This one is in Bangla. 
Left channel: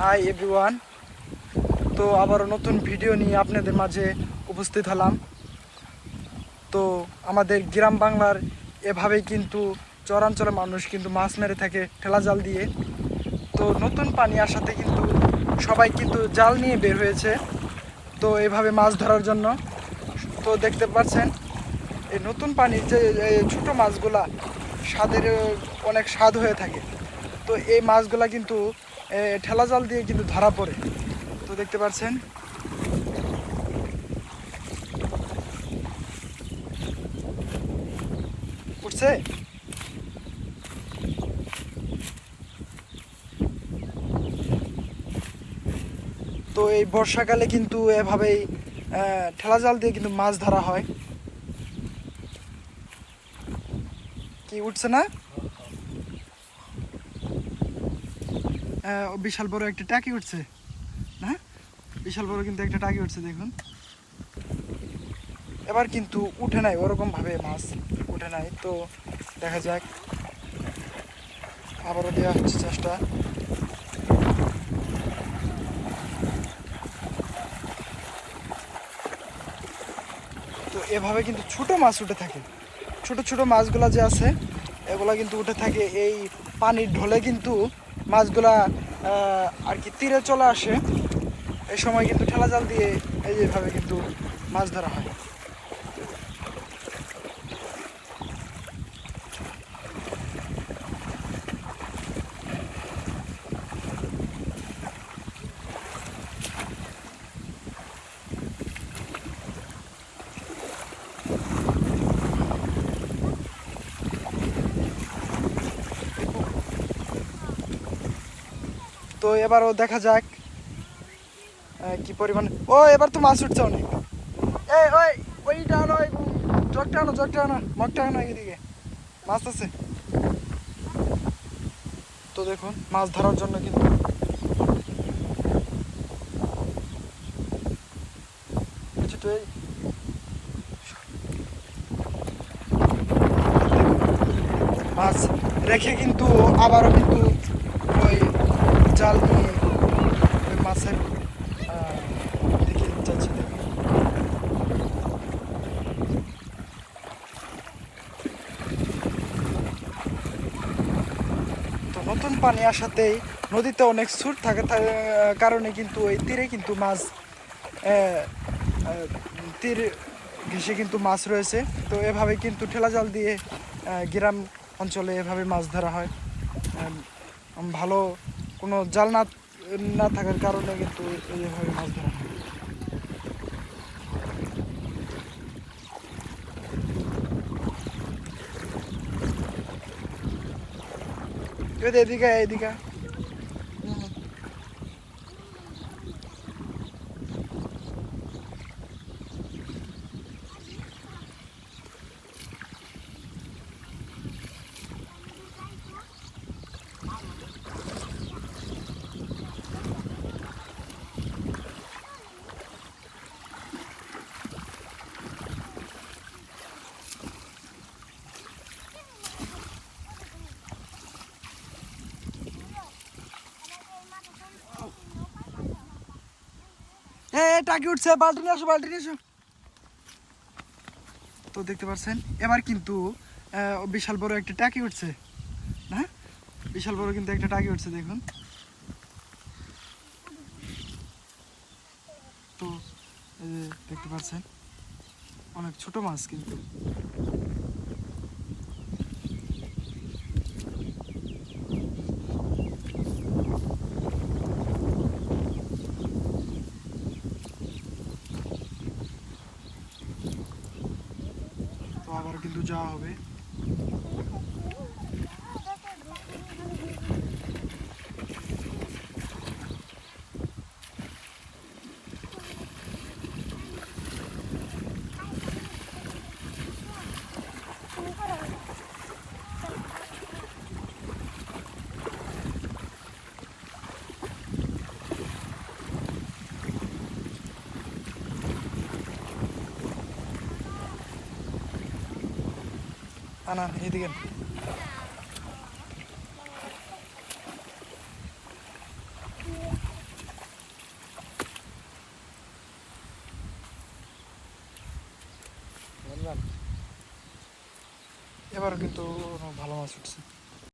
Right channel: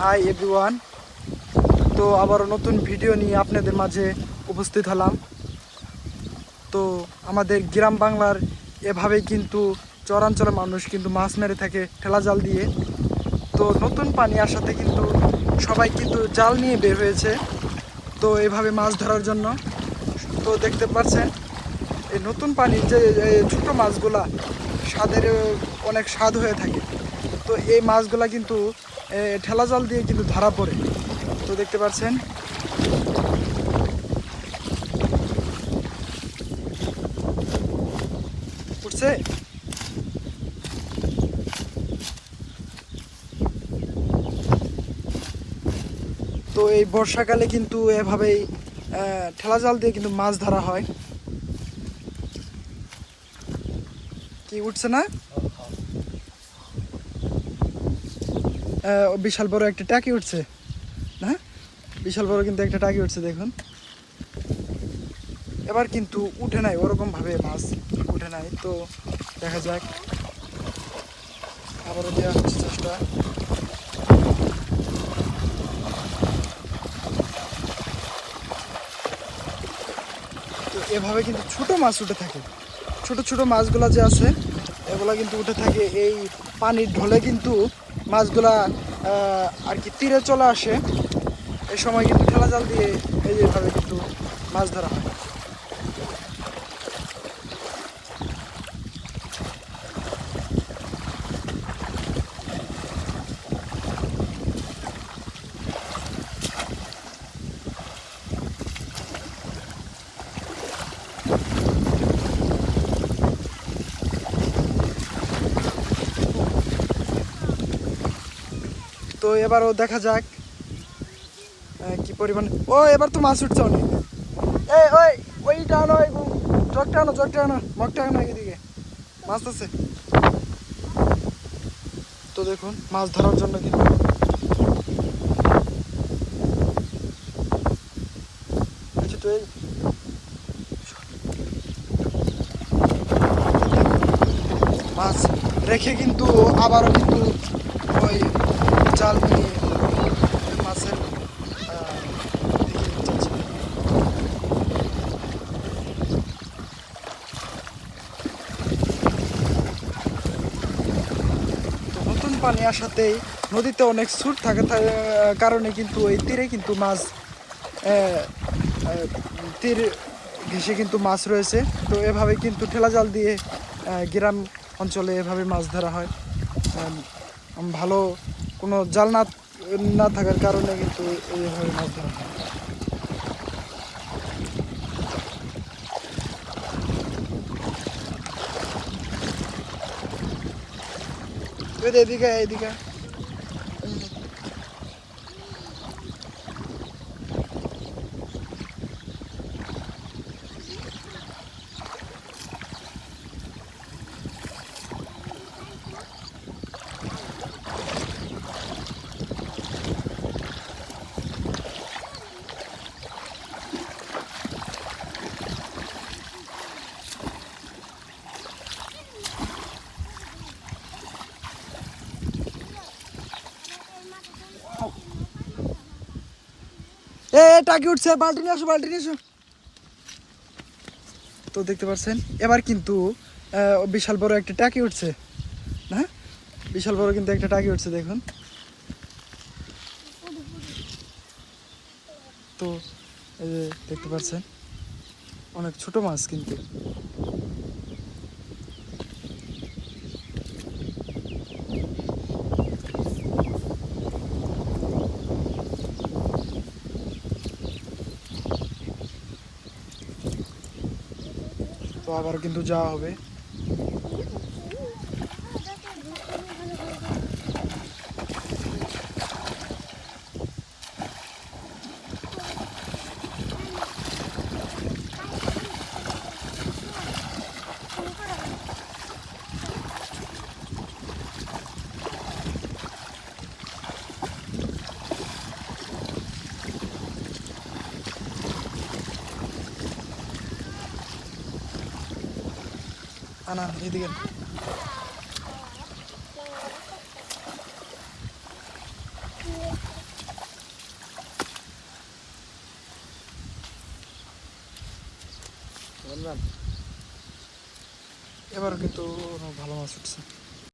Hi everyone. তো আবারও নতুন ভিডিও নিয়ে আপনাদের মাঝে উপস্থিত হলাম। তো আমাদের গ্রাম বাংলার এভাবেই কিন্তু চরাঞ্চলের মানুষ কিন্তু মাছ মেরে থাকে ঠেলা জাল দিয়ে। তো নতুন পানি আসাতে কিন্তু সবাই কিন্তু জাল নিয়ে বের হয়েছে তো এভাবে মাছ ধরার জন্য। তো দেখতে পাচ্ছেন এই নতুন পানির যে ছোটো মাছগুলা স্বাদের অনেক স্বাদ হয়ে থাকে। তো এই মাছগুলা কিন্তু ঠেলা জাল দিয়ে কিন্তু ধরা পড়ে। তো দেখতে পাচ্ছেন উঠছে। তো এই বর্ষাকালে কিন্তু এভাবেই ঠেলা জাল দিয়ে কিন্তু মাছ ধরা হয়। কি উঠছে না? বিশাল বড় একটা টাকি উঠছে না, বিশাল বড় কিন্তু একটা টাকি উঠছে দেখুন। এবার কিন্তু উঠে নাই, ওরকম ভাবে মাছ উঠে নাই। তো দেখা যাক, আবারও দেওয়া হচ্ছে চেষ্টা। তো এভাবে কিন্তু ছোট মাছ উঠে থাকে, ছোট ছোট মাছগুলা যে আছে এগুলা কিন্তু উঠে থাকে। এই পানির ঢলে কিন্তু মাছগুলা আর কি তীরে চলে আসে। এই সময় কিন্তু ঠেলা জাল দিয়ে এইভাবে কিন্তু মাছ ধরা হয়। তো এবারও দেখা যাক কি পরিমাণ। ও এবার তো মাছ উঠছে অনেক। এই ওই ওইটা আনো, জগটা আনো, জগটা আনো, মগটা আনো, এদিকে মাছ আছে। তো দেখুন মাছ ধরার জন্য কিন্তু মাছ রেখে কিন্তু আবারও কিন্তু ওই জাল নিয়ে মাছের দিকে যাচ্ছে। তো নতুন পানি আসাতেই নদীতে অনেক স্রোত থাকার কারণে কিন্তু এই তীরে কিন্তু মাছ তীর ঘেঁষে কিন্তু মাছ রয়েছে। তো এভাবে কিন্তু ঠেলা জাল দিয়ে গ্রাম অঞ্চলে এভাবে মাছ ধরা হয়। ভালো কোনো জাল না থাকার কারণে কিন্তু এইভাবে মাছ ধরা হয়। এদিকে এদিকে টাকি উঠছে, বালতি নিয়ে আসো, বালতি নিয়ে আসো। তো দেখতে পাচ্ছেন এবার কিন্তু বিশাল বড় একটা টাকি উঠছে না, বিশাল বড় কিন্তু একটা টাকি উঠছে দেখুন। তো এই যে দেখতে পাচ্ছেন অনেক ছোট মাছ কিন্তু। তো আবার কিন্তু যাওয়া হবে। আনান এদিকে। এবারও কিন্তু ভালো মাছ উঠছে।